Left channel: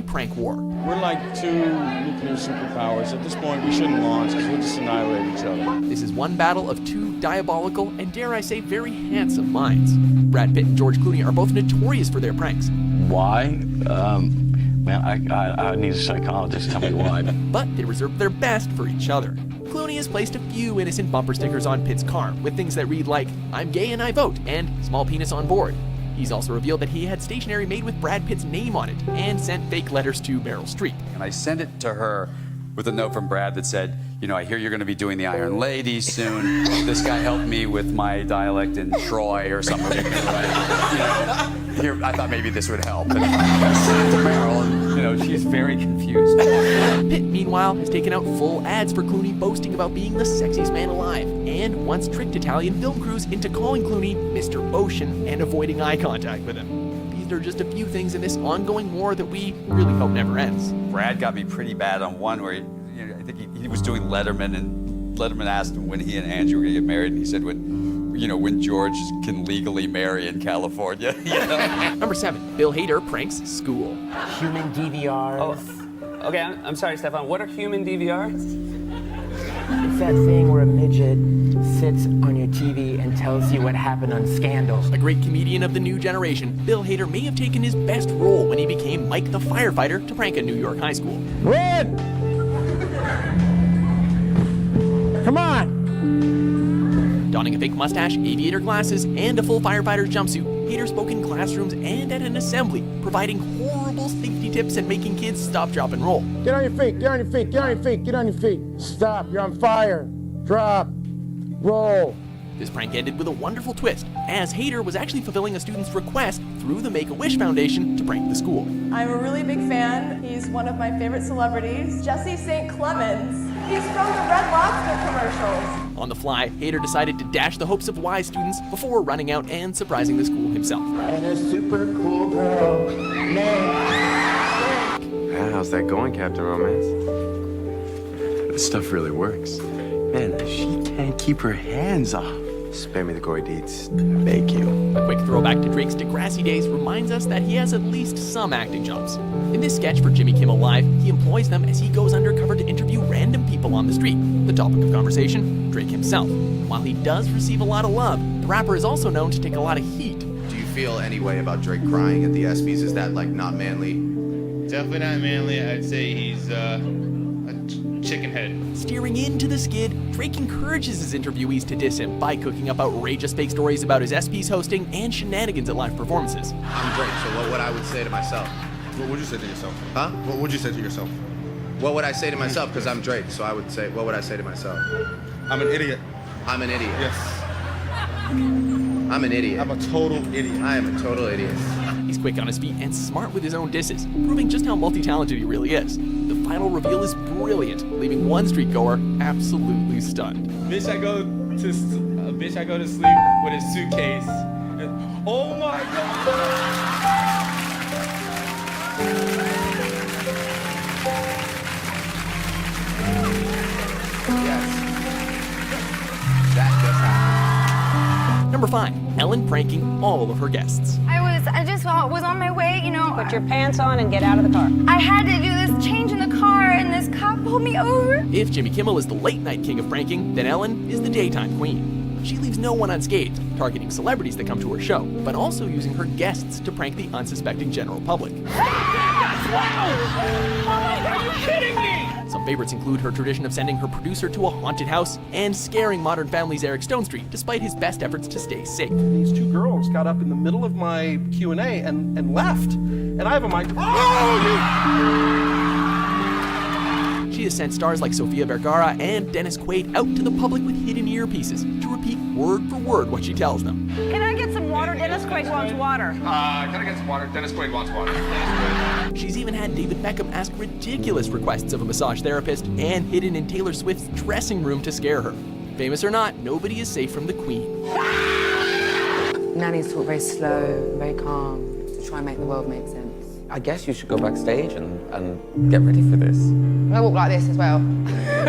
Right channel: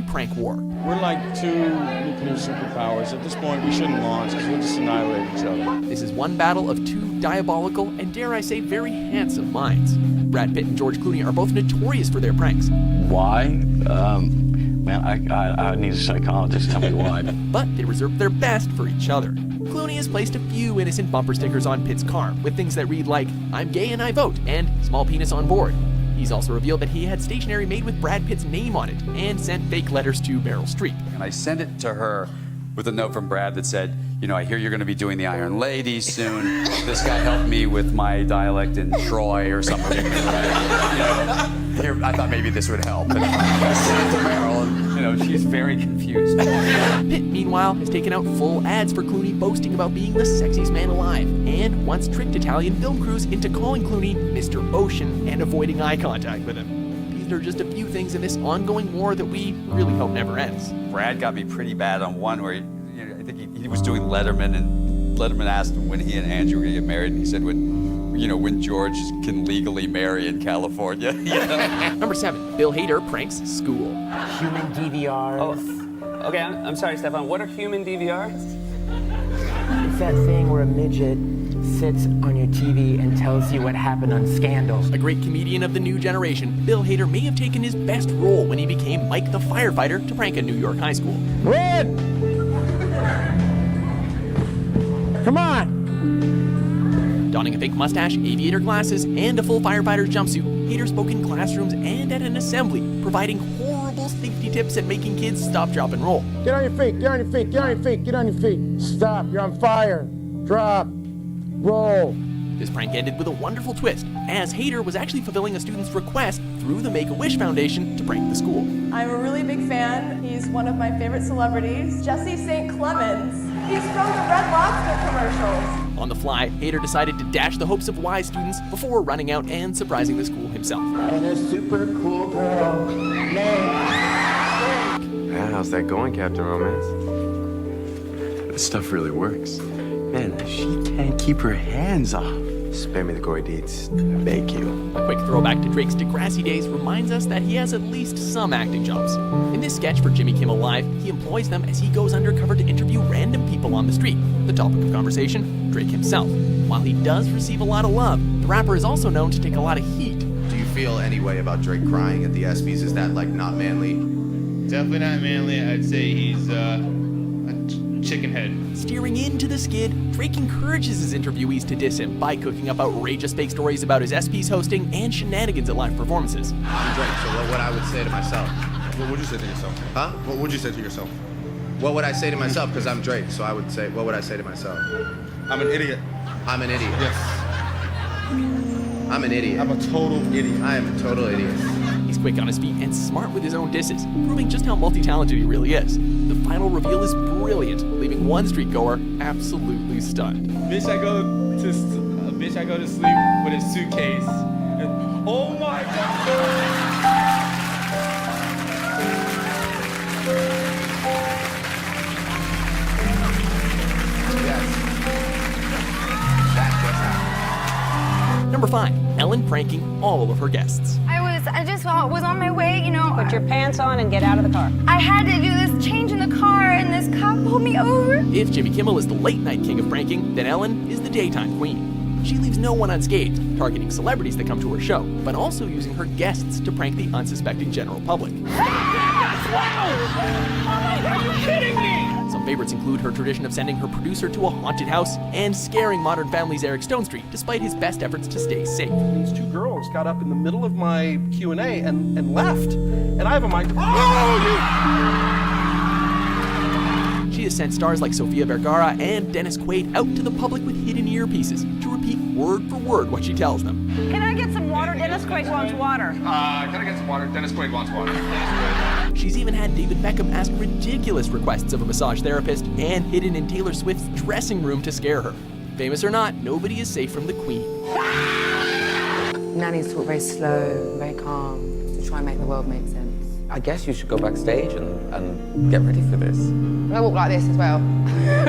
Clooney prank war. We're like two nuclear superpowers. At this point, we shouldn't launch because we'll just annihilate each other. This is one battle of two diabolical and, dare I say, very handsome minds. Brad Pitt and George Clooney are both notorious for their pranks. Why? Man, I need a psychologist. Tell me why. But they reserve their best for each other. Clooney has placed a few innocent bumper stickers on Pitt's car with things that read like, "I'm gay and I vote," and "small penis on board." He's also revealed that he had stationery made with Brad Pitt's name on it and sent fake letters to Meryl Streep. And I sent it to her with a note from Brad that said, you know, I hear you're going to be doing the Iron Lady soon. This guy helped me with my dialect in Troy or something. You know, here, I thought maybe this would help. And I sent it to Meryl, and you know, she's very confused. Pitt, meanwhile, has taken out full ads for Clooney boasting about being the sexiest man alive, and once tricked Italian film crews into calling Clooney Mr. Ocean and avoiding eye contact with him. These are just a few things in this ongoing war that we really hope never ends. Brad got me pretty bad on one where I think he was doing Letterman, and Letterman asked him when he and Angie were going to get married, and he said when George can legally marry in California. You know? Number 7, Bill Hader pranks school. Human DVRs. Oh, okay, I'm sorry, Stefan. What are human DVRs? It's that thing where a midget sits on your TV and tells you what happened on Scandal. A great comedian of the new generation, Bill Hader may have taken his best role when he became Mike the firefighter to prank a New York high school. Run! Come on! Donning a fake mustache, aviator glasses, and a full firefighter's jumpsuit, Hader spoke in classrooms and at an assembly, providing horrible safety tips and making kids stop, drop, and roll. Get on your feet, get on your feet, get on your feet, get on your feet. Stop, you're on fire. Drop, roll. This prank ended with a wonderful twist, as Hader was actually fulfilling a student's request through the Make-A-Wish Foundation to prank the school. I'm a really big fan. He's one of my favorite celebrities, Jesse St. Clemens. He's from the Red Lobster commercials. On the fly, Hader decided to dash the hopes of Y students before running out and surprising the school himself. And a super cool girl named How's that going, Captain Romance? This stuff really works. Man, she can't keep her hands off. Spare me the gory deeds, I beg you. A quick throwback to Drake's Degrassi days reminds us that he has at least some acting jobs. In this sketch for Jimmy Kimmel Live, he employs them as he goes undercover to interview random people on the street. The topic of conversation, Drake himself. While he does receive a lot of love, the rapper is also known to take a lot of heat. Do you feel any way about Drake crying at the ESPYs? Is that like not manly? Definitely not manly. I'd say he's a chicken head. Steering into the skid, Drake encourages his interviewees to diss him by cooking up outrageous fake stories about his ESPYs hosting and shenanigans at live performances. I'm Drake, so what would I would say to myself? What would you say to yourself? Huh? What would you say to yourself? What would I say to myself? Because I'm Drake, so I would say, what would I say to myself? I'm an idiot. I'm an idiot. Yes. I'm an idiot. I'm a total idiot. I am a total idiot. He's quick on his feet and smart with his own disses, proving just how multi-talented he really is. The final reveal is brilliant, leaving one street goer absolutely stunned. Bitch, I go to sleep with a suitcase. And, oh my God! Yes. That just happened. Number 5, Ellen pranking all of her guests. I just was on my way, you know. Put your pants on and get out of the car. I had to do this change in the car, and this cop pulled me over. If Jimmy Kimmel is the late-night king of pranking, then Ellen is the daytime queen. She leaves no one unscathed, targeting celebrities that come to her show, but also using her guests to prank the unsuspecting general public. Are you kidding me? Some favorites include her tradition of sending her producer to a haunted house and scaring Modern Family's Eric Stonestreet, despite his best efforts to stay safe. These two girls got up in the middle of my Q&A and left. And I have a microphone. She has sent stars like Sofia Vergara and Dennis Quaid out to the public with hidden earpieces to repeat word for word what she tells them. Can I get some water? Dennis Quaid wants water. Can I get some water? Dennis Quaid wants water. She's even had David Beckham ask ridiculous requests of a massage therapist and hidden in Taylor Swift's dressing room to scare her. Famous or not, nobody is safe from the Queen. Nanny's talk very slow, very calm, to try and make the world make sense. I guess you should go backstage and get ready for this. I walk like this as well. I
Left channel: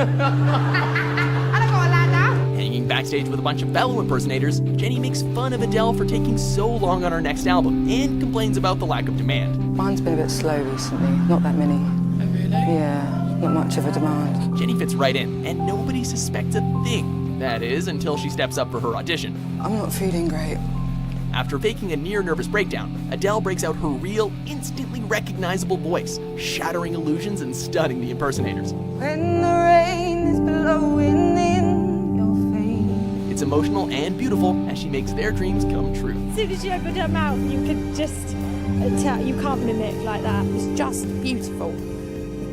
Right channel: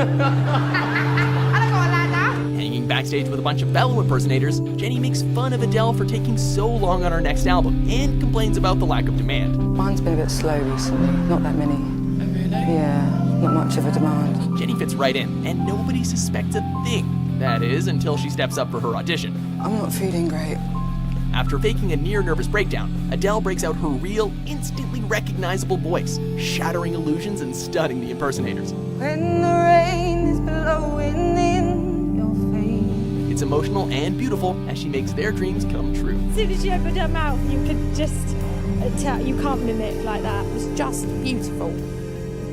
don't go like that now. Hanging Backstage with a bunch of fellow impersonators, Jenny makes fun of Adele for taking so long on her next album and complains about the lack of demand. Mine's been a bit slow recently. Not that many. Oh, really? Yeah, not much of a demand. Jenny fits right in, and nobody suspects a thing. That is, until she steps up for her audition. I'm not feeling great. After faking a near-nervous breakdown, Adele breaks out her real, instantly recognizable voice, shattering illusions and stunning the impersonators. When the rain is blowing in your face. It's emotional and beautiful as she makes their dreams come true. As soon as she opened her mouth, you could just tell, you can't mimic like that. It's just beautiful.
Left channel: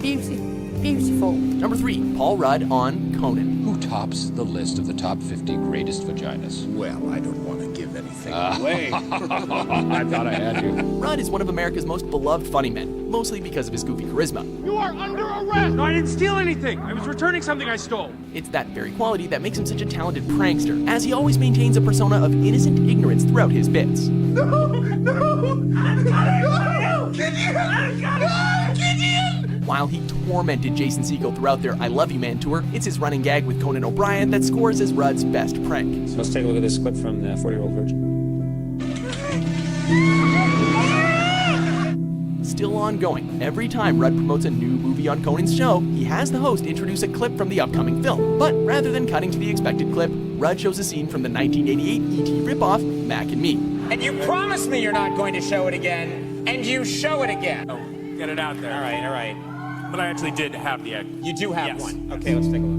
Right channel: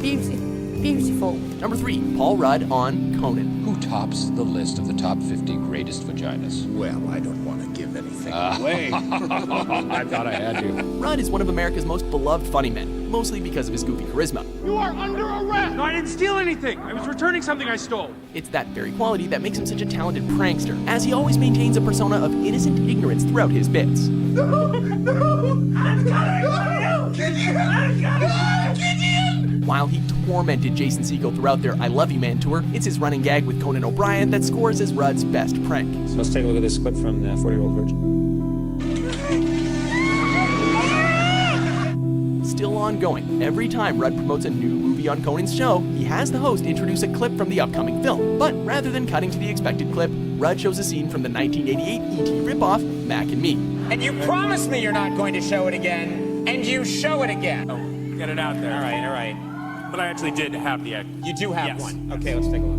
Beautiful. Number 3, Paul Rudd on Conan. Who tops the list of the top 50 greatest vaginas? Well, I don't want to give anything away. I thought I had you. Rudd is one of America's most beloved funny men, mostly because of his goofy charisma. You are under arrest! No, I didn't steal anything. I was returning something I stole. It's that very quality that makes him such a talented prankster, as he always maintains a persona of innocent ignorance throughout his bits. No! While he tormented Jason Segel throughout their I Love You Man tour, it's his running gag with Conan O'Brien that scores as Rudd's best prank. So let's take a look at this clip from the 40-Year-Old Virgin. Still ongoing, every time Rudd promotes a new movie on Conan's show, he has the host introduce a clip from the upcoming film. But rather than cutting to the expected clip, Rudd shows a scene from the 1988 E.T. ripoff, Mac and Me. And you promised me you're not going to show it again, and you show it again. Oh, get it out there. All right. But I actually did have the act. You do have one. Okay, let's take a look.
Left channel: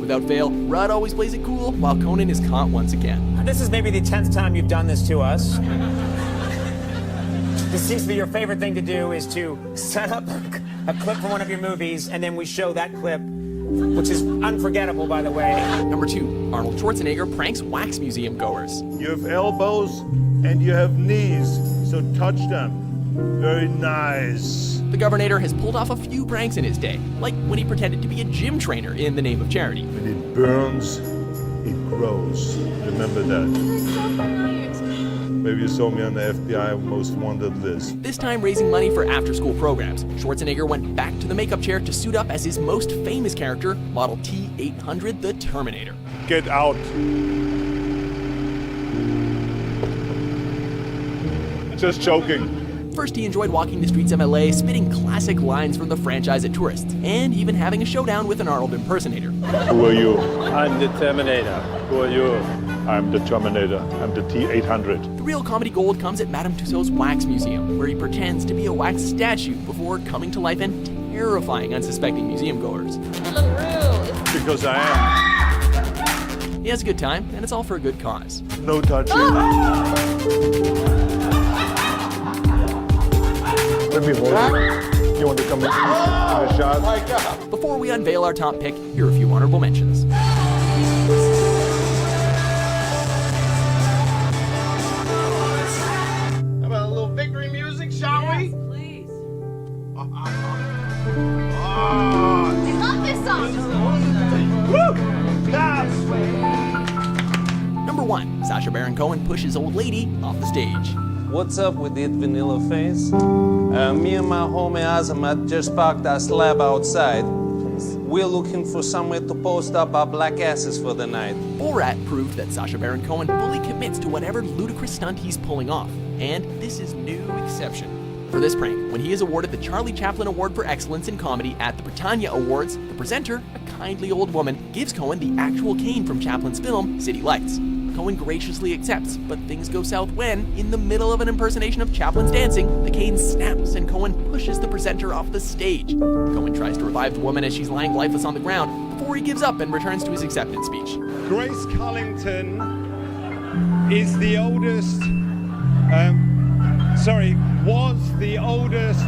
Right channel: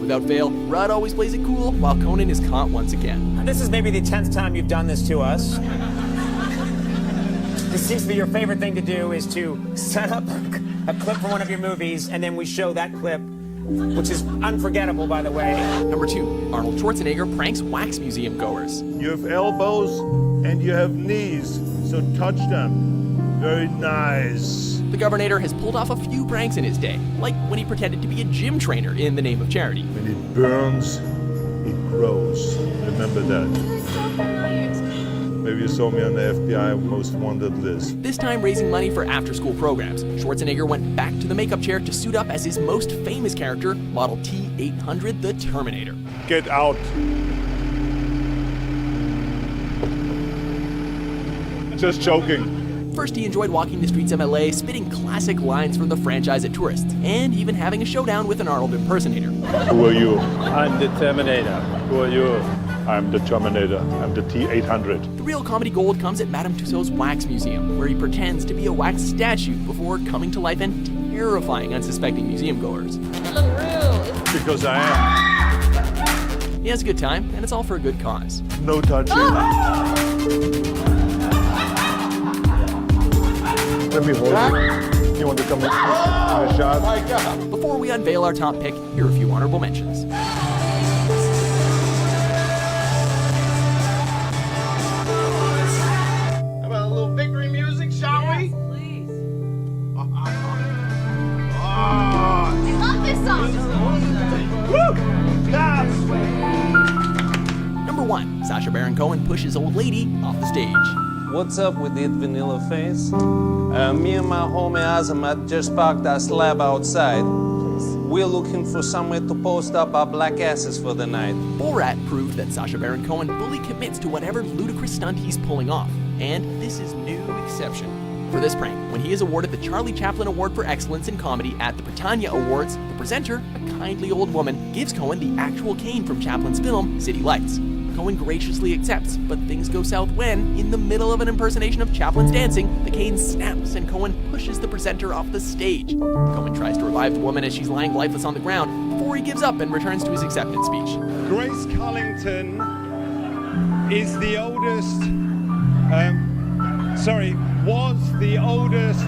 Without fail, Rudd always plays it cool, while Conan is caught once again. This is maybe the 10th time you've done this to us. This seems to be your favorite thing to do, is to set up a clip from one of your movies, and then we show that clip, which is unforgettable, by the way. Number 2, Arnold Schwarzenegger pranks wax museum goers. You have elbows and you have knees, so touch them. Very nice. The Governator has pulled off a few pranks in his day, like when he pretended to be a gym trainer in the name of charity. When it burns, it grows. Remember that. Maybe you saw me on the FBI Most Wanted list. This time raising money for after-school programs, Schwarzenegger went back to the makeup chair to suit up as his most famous character, Model T-800, the Terminator. Get out. Just joking. First, he enjoyed walking the streets of LA, spitting classic lines from the franchise at tourists, and even having a showdown with an Arnold impersonator. Who are you? I'm the Terminator. Who are you? I'm the Terminator. I'm the T-800. The real comedy gold comes at Madame Tussauds Wax Museum, where he pretends to be a wax statue before coming to life and terrifying unsuspecting museum goers. Because I am. He has a good time, and it's all for a good cause. No touching. Let me hold you. You want to come in a shot? My God. Before we unveil our top pick, here are a few honorable mentions. How about a little victory music, shall we? Please. I love this song. Number 1, Sacha Baron Cohen pushes old lady off the stage. What's up with that vanilla face? Me and my homie Azamat just parked our slab outside. We're looking for somewhere to post up our black asses for the night. Borat proved that Sacha Baron Cohen fully commits to whatever ludicrous stunt he's pulling off, and this is no exception. For this prank, when he is awarded the Charlie Chaplin Award for Excellence in Comedy at the Britannia Awards, the presenter, a kindly old woman, gives Cohen the actual cane from Chaplin's film, City Lights. Cohen graciously accepts, but things go south when, in the middle of an impersonation of Chaplin's dancing, the cane snaps and Cohen pushes the presenter off the stage. Cohen tries to revive the woman as she's lying lifeless on the ground before he gives up and returns to his acceptance speech. Grace Cullington is the oldest, was the oldest